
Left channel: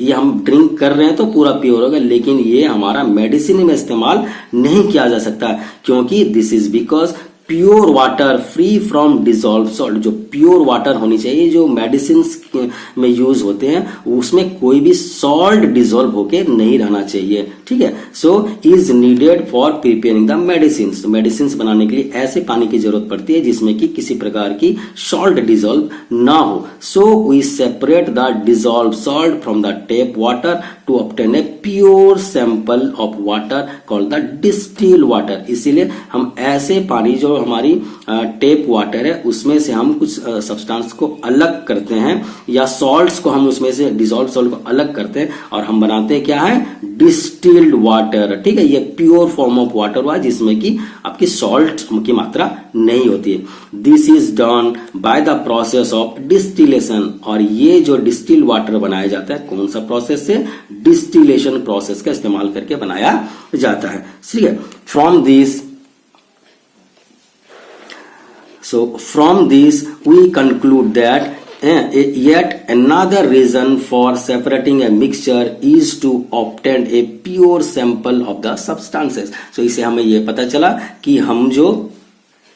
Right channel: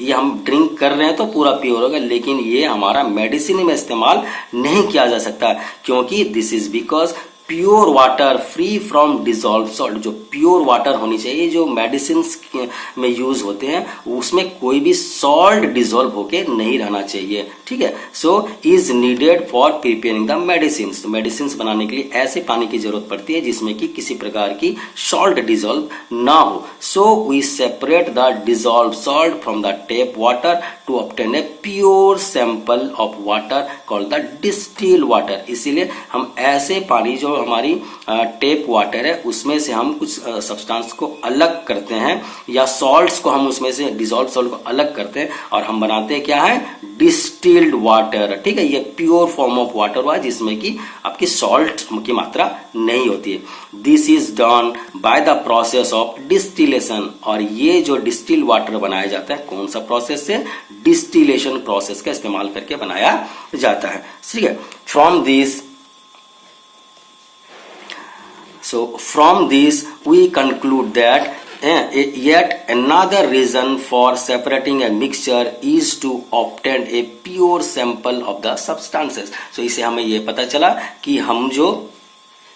ये हम ड्रिंक कर रहे हैं तो पूरा प्योर होगा, लेकिन ये हमारा मेडिसिन में इस्तेमाल नहीं किया जा सकता, क्योंकि this is because pure water free from dissolve salt. जो प्योर वाटर होनी चाहिए, जो मेडिसिन में यूज होते हैं, उसमें कोई भी सॉल्ट डिजॉल्व होके नहीं रहना चाहिए। ठीक है, so is needed for preparing the medicine. Medicine बनाने के लिए ऐसे पानी की जरूरत पड़ती है जिसमें कि किसी प्रकार की सॉल्ट डिजॉल्व ना हो। So we separate the dissolve salt from the tap water to obtain a pure sample of water called the distil water. इसीलिए हम ऐसे पानी, जो हमारी टेप वाटर है, उसमें से हम कुछ सब्सटेंस को अलग करते हैं, या सॉल्ट्स को हम उसमें से, डिजॉल्व सॉल्ट को अलग करते हैं, और हम बनाते हैं क्या है? Distilled water. ठीक है, ये प्योर फॉर्म ऑफ वाटर हुआ जिसमें कि आपकी सॉल्ट की मात्रा नहीं होती है। This is done by the process of distillation. और ये जो डिस्टिल वाटर बनाया जाता है, कौन सा प्रोसेस से? डिस्टिलेशन प्रोसेस का इस्तेमाल करके बनाया जाता है। ठीक है, from this we conclude that yet another reason for separating a mixture is to obtain a pure sample of the substances। so इसे हमें ये पता चला कि हम जो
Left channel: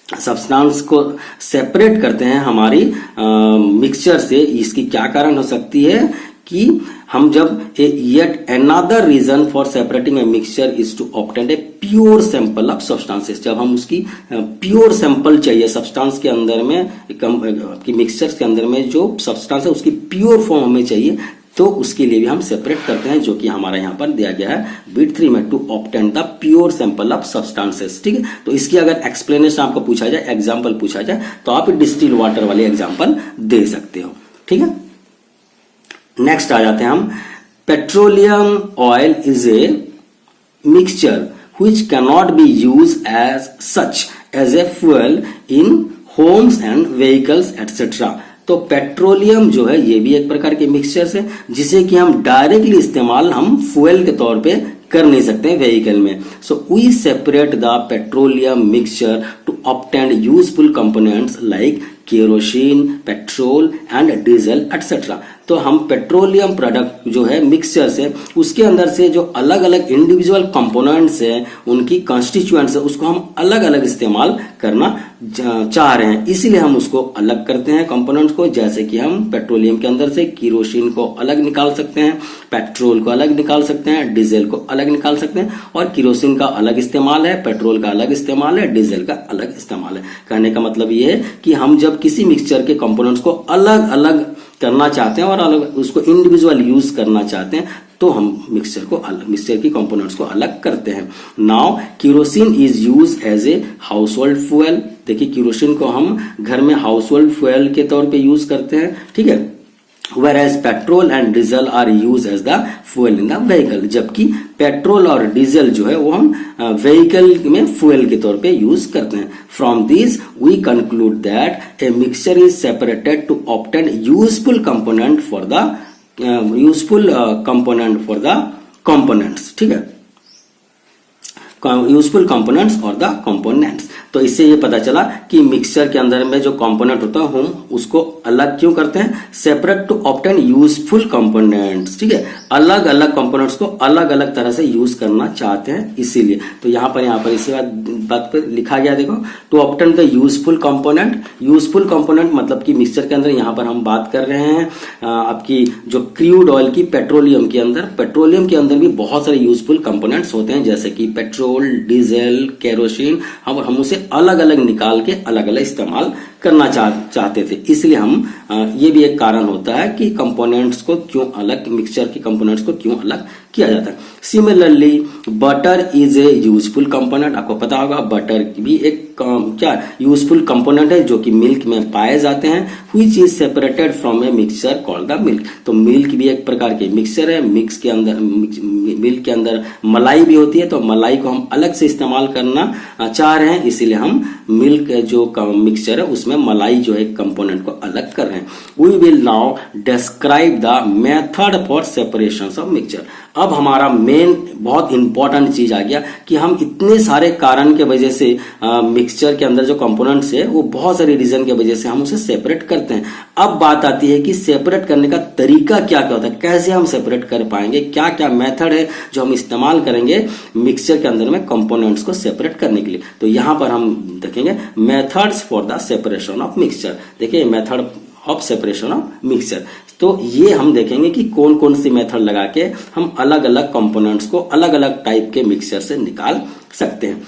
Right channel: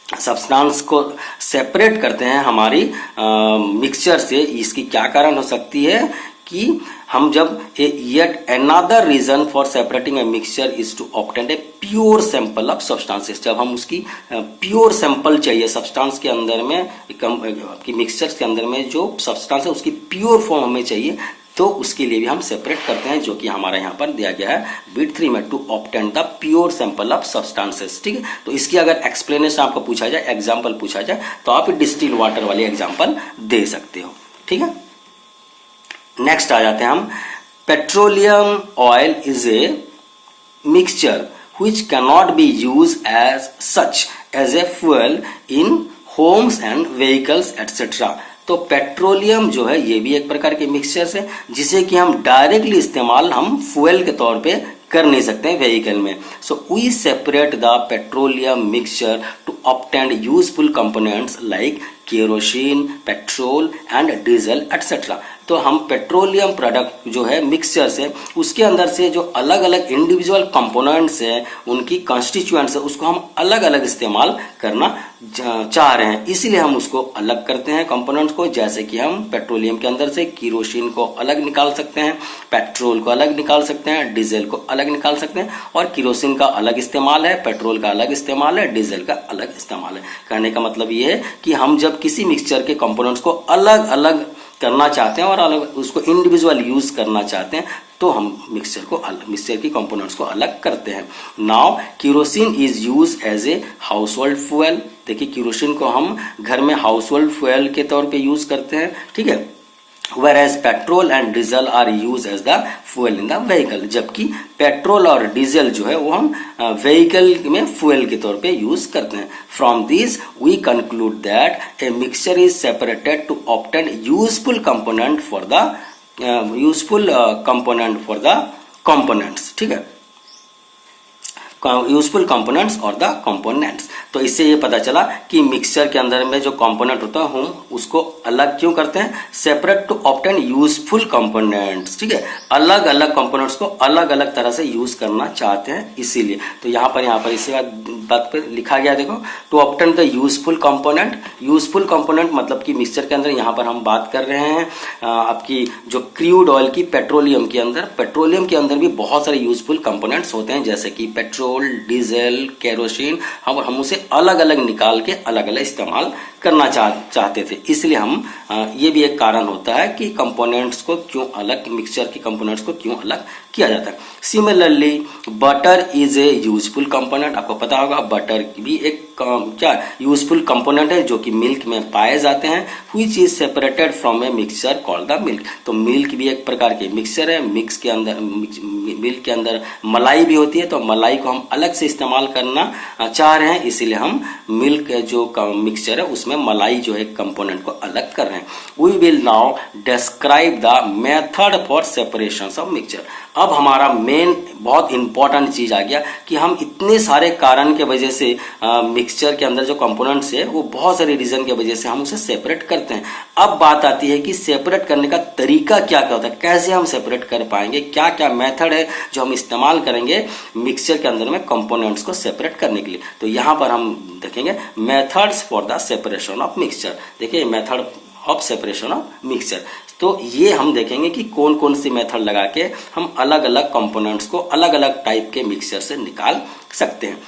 सब्सटेंस को सेपरेट करते हैं हमारी मिक्सचर से, इसकी क्या कारण हो सकती है कि हम जब yet another reason for separating a mixture is to obtain a pure sample of substances, जब हम उसकी प्योर सैंपल चाहिए सब्सटेंस के अंदर में, आपकी मिक्सचर के अंदर में जो सब्सटेंस है उसकी प्योर फॉर्म हमें चाहिए, तो उसके लिए भी हम सेपरेट करते हैं, जो कि हमारा यहाँ पर दिया गया है बिट 3 में, to obtain the pure sample of substances. ठीक है, तो इसकी अगर एक्सप्लेनेशन आपको पूछा जाए, एग्जांपल पूछा जाए, तो आप डिस्टिल वाटर वाली एग्जांपल दे सकते हो। ठीक है, नेक्स्ट आ जाते हैं हम, petroleum oil is a mixture which cannot be used as such as a fuel in homes and vehicles etc. तो पेट्रोलियम जो है ये भी एक प्रकार के मिक्सचर है जिसे कि हम डायरेक्टली इस्तेमाल हम फ्यूल के तौर पे कर नहीं सकते हैं व्हीकल में। So we separate the petroleum mixture to obtain useful components like kerosene, petrol and diesel etcetera. तो हम पेट्रोलियम प्रोडक्ट जो है मिक्सचर से, उसके अंदर से जो अलग अलग इंडिविजुअल कंपोनेंट्स है, उनकी कॉन्स्टिट्यूएंट्स है, उसको हम अलग अलग इस्तेमाल करना चाह रहे हैं, इसीलिए हम उसको अलग करते हैं कंपोनेंट्स को। जैसे कि हम पेट्रोलियम के अंदर से केरोसिन को अलग निकाल सकते हैं, पेट्रोल को अलग निकाल सकते हैं, डीजल को अलग निकाल सकते हैं, और केरोसिन का अलग इस्तेमाल है, पेट्रोल का अलग इस्तेमाल है, डीजल का अलग इस्तेमाल है। कहने का मतलब ये है कि हम जब किसी मिक्सचर के कंपोनेंट्स को अलग अलग करना चाहते हैं और अलग उसको इंडिविजुअल यूज करना चाहते हैं, तो हम मिक्सचर की कंपोनेंट्स को अलग करते हैं। Now kerosene is use as a household fuel. देखिए, केरोसिन को हम घर में हाउस होल्ड फ्यूल के तौर पे यूज करते हैं। ठीक है, whereas petrol and diesel are use as the fuel in the vehicle, जबकि पेट्रोल और डीजल जो है वो हम व्हीकल में फ्यूल के तौर पे यूज करते हैं। From this we conclude that a mixture is separated to obtain useful component for the components. ठीक है, यूजफुल कंपोनेंट्स और द कंपोनेंट्स। तो इससे ये पता चला कि मिक्सचर के अंदर में जो कंपोनेंट होता है हम उसको अलग क्यों करते हैं, separate to obtain useful components. ठीक है, अलग अलग कंपोनेंट्स को अलग अलग तरह से यूज करना चाहते हैं, इसीलिए। तो यहाँ पर इसी बात पर लिखा गया, देखो, to obtain the useful component. Useful component मतलब कि मिक्सचर के अंदर यहाँ पर हम बात कर रहे हैं आपकी जो क्रूड ऑयल की, पेट्रोलियम के अंदर भी बहुत सारे यूजफुल कंपोनेंट्स होते हैं, जैसे कि पेट्रोल, डीजल, केरोसिन। हम उसे अलग अलग निकाल के अलग अलग इस्तेमाल करना चाहते थे, इसलिए हम ये भी एक कारण होता है कि कंपोनेंट्स को क्यों अलग, मिक्सचर के कंपोनेंट्स को क्यों अलग किया जाता है। Similarly butter is a useful component. आपको पता होगा बटर भी एक क्या यूजफुल कंपोनेंट है जो कि मिल्क में पाए जाते हैं, which is separated from a mixture called the milk. तो मिल्क भी एक प्रकार के मिक्सचर है, मिल्क के अंदर मलाई भी होती है, तो मलाई को हम अलग से इस्तेमाल करना चाह रहे हैं, इसीलिए हम मिल्क जो मिक्सचर है उसमें मलाई जो है कंपोनेंट को अलग कर रहे हैं। We will now describe the method for separation of mixture. अब हमारा मेन बहुत इंपॉर्टेंट चीज आ गया कि हम इतने सारे कारण के वजह से मिक्सचर के अंदर जो कंपोनेंट्स है वो बहुत सारे रीजन के वजह से हम उसे सेपरेट करते हैं। अब बात आती है कि सेपरेट करने का तरीका क्या क्या होता है, कैसे हम सेपरेट कर पाएंगे, क्या क्या मेथड है जो हम इस्तेमाल करेंगे मिक्सचर के अंदर में कंपोनेंट्स को सेपरेट करने के लिए। तो यहाँ पर हम देखेंगे methods for the separation of mixture. देखिए, method of separation of mixture, तो ये हम देखेंगे कि कौन कौन सी मेथड लगा के हम अलग अलग कंपोनेंट्स को अलग अलग टाइप के मिक्सचर से निकाल सकते हैं।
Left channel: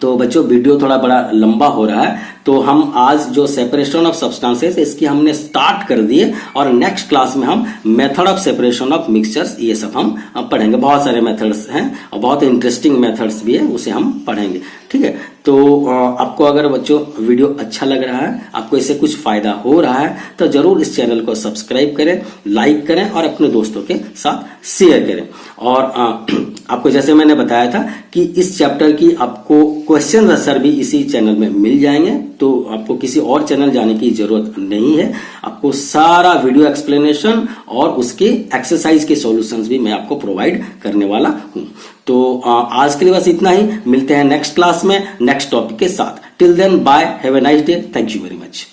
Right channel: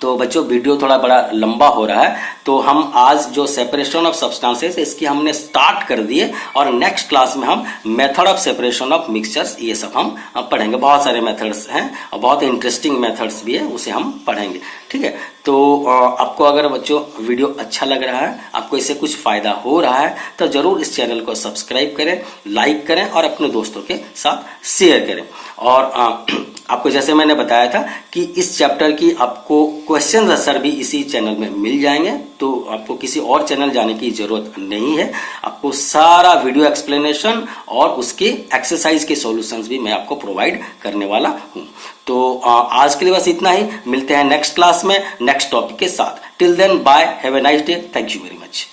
तो बच्चों, वीडियो थोड़ा बड़ा लंबा हो रहा है, तो हम आज जो सेपरेशन ऑफ सब्सटेंसेस इसकी हमने स्टार्ट कर दिए, और नेक्स्ट क्लास में हम method of separation of mixtures ये सब हम पढ़ेंगे। बहुत सारे मेथड्स हैं और बहुत इंटरेस्टिंग मेथड्स भी है, उसे हम पढ़ेंगे। ठीक है, तो आपको अगर बच्चों वीडियो अच्छा लग रहा है, आपको इससे कुछ फायदा हो रहा है, तो जरूर इस चैनल को सब्सक्राइब करें, लाइक करें और अपने दोस्तों के साथ शेयर करें। और आपको जैसे मैंने बताया था कि इस चैप्टर की आपको क्वेश्चन आंसर भी इसी चैनल में मिल जाएंगे, तो आपको किसी और चैनल जाने की जरूरत नहीं है। आपको सारा वीडियो एक्सप्लेनेशन और उसके एक्सरसाइज के सॉल्यूशंस भी मैं आपको प्रोवाइड करने वाला हूं। तो आज के लिए बस इतना ही, मिलते हैं नेक्स्ट क्लास में नेक्स्ट टॉपिक के साथ। Till then bye, have a nice day, thank you very much.